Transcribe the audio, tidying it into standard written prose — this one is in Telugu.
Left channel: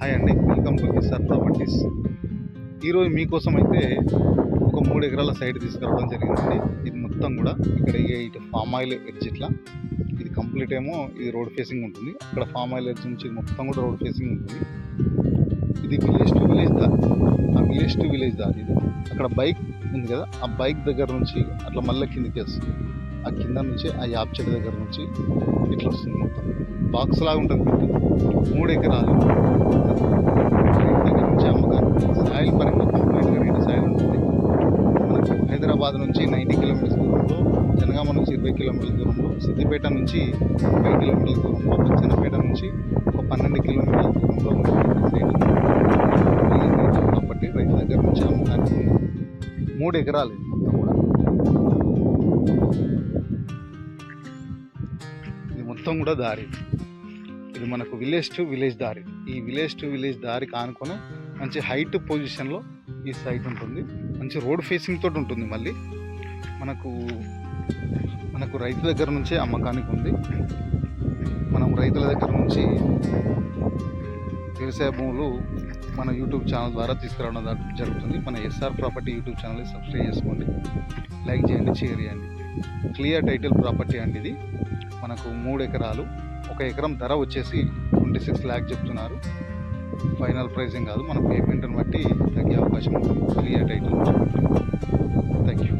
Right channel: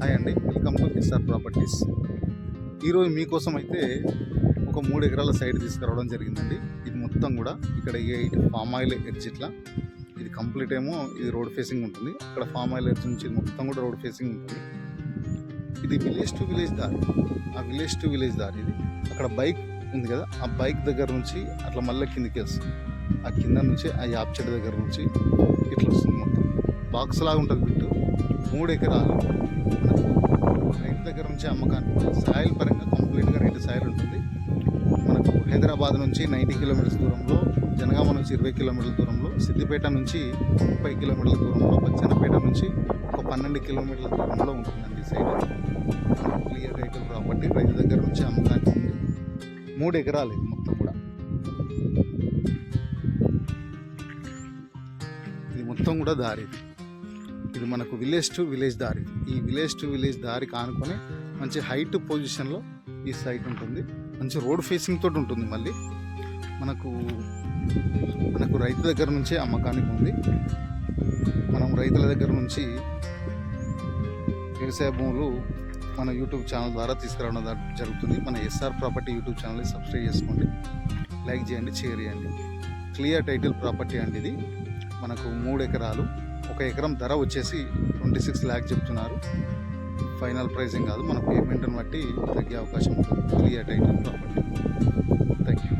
హాయ్ అండి, వెల్కమ్ టు ఎస్ఆర్ ప్రాపర్టీస్. ఈరోజు మీకోసం అయితే ఒక 3 ఎకరాల సైట్ తీసుకురావడం జరిగిందండి. ఇది మొత్తం కూడా ఇక్కడ ఇటు ఫామ్ ఆయిల్ ఎడ్జ్ ఇట్లా ఇది కంప్లీట్ ఏమో ఇది రోడ్ ఫేసింగ్ ఉంటుంది. అక్కడ ఫామ్ ఆయిల్ ఎడ్జ్ నుంచి మొత్తం కూడా రోడ్ ఫేసింగ్ ఉంటుంది. ఇది విలేజ్ టు విలేజ్ దారి, ఆ విలేజ్ టు విలేజ్ దారి ఇది. అక్కడ బైక్ ఉంది కదా, ఆ బైక్ దగ్గర నుంచి అట్లా మళ్ళీ కిందికి వస్తుంది. ఆ కింద నుంచి ఆ యాప్ చెట్టు దగ్గర నుంచి ఇట్లా వస్తుంది. మొత్తం బాక్స్ లాగా ఉంటుంది. బిట్టు 3 ఎకరాలు రైతు దగ్గర నుంచి అమ్మకానికి. సాయిల్ పరంగా కంప్లీట్గా రేటు సాయిల్ ఉంటుంది. మనకు హైదరాబాద్ నుంచి 90 కిలోమీటర్స్ దూరంలో, జనగామ నుంచి 20 కిలోమీటర్ల దూరంలో, సిద్దిపేట నుంచి 5 కిలోమీటర్ల దూరంలో, బచ్చన్నపేట నుంచి ఒక 12 కిలోమీటర్ల దూరంలో ఉంటుంది సైడ్. కాబట్టి రైతు దగ్గర నుంచి అమ్మకానికి ఉంది. 3 ఎకరాలు ఇది మొత్తం కూడా. ఇది మొత్తం కూడా దారి. ఇది మనకు విలేజ్ టు విలేజ్ దారి. ఈ విలేజ్ టు విలేజ్ దారి కానుకొని మంచి హైట్ పొజిషన్లో ఈ సైట్ ఉంటుంది. మంచి రోడ్ ఫేసింగ్ తోటి ఉంటుంది. మళ్ళీ మనకు రైతు దగ్గర నుంచే అమ్మకానికి ఉంది. మనం రైతుల దగ్గర నుంచి వ్యవసాయ భూములు మన యూట్యూబ్ ఛానల్ ద్వారా తీసుకురావడం జరుగుతుంది. మన ఎస్ఆర్ ప్రాపర్టీ యూట్యూబ్ ఛానల్ని సబ్స్క్రైబ్ చేసుకోండి, లైక్ చేయండి, షేర్ చేయండి. క్లియర్ టైటిల్ ప్రాపర్టీ అండి ఇది. మనకు 3 ఎకరాలు. 1 ఎకరం ధర వచ్చేసి 26 lakhs చెప్తున్నారు. ఫైనల్ ప్రైసింగ్ కాదు, మన పేమెంట్ని బట్టి తగ్గే అవకాశం ఉంటుంది. Clear title property. Thank you.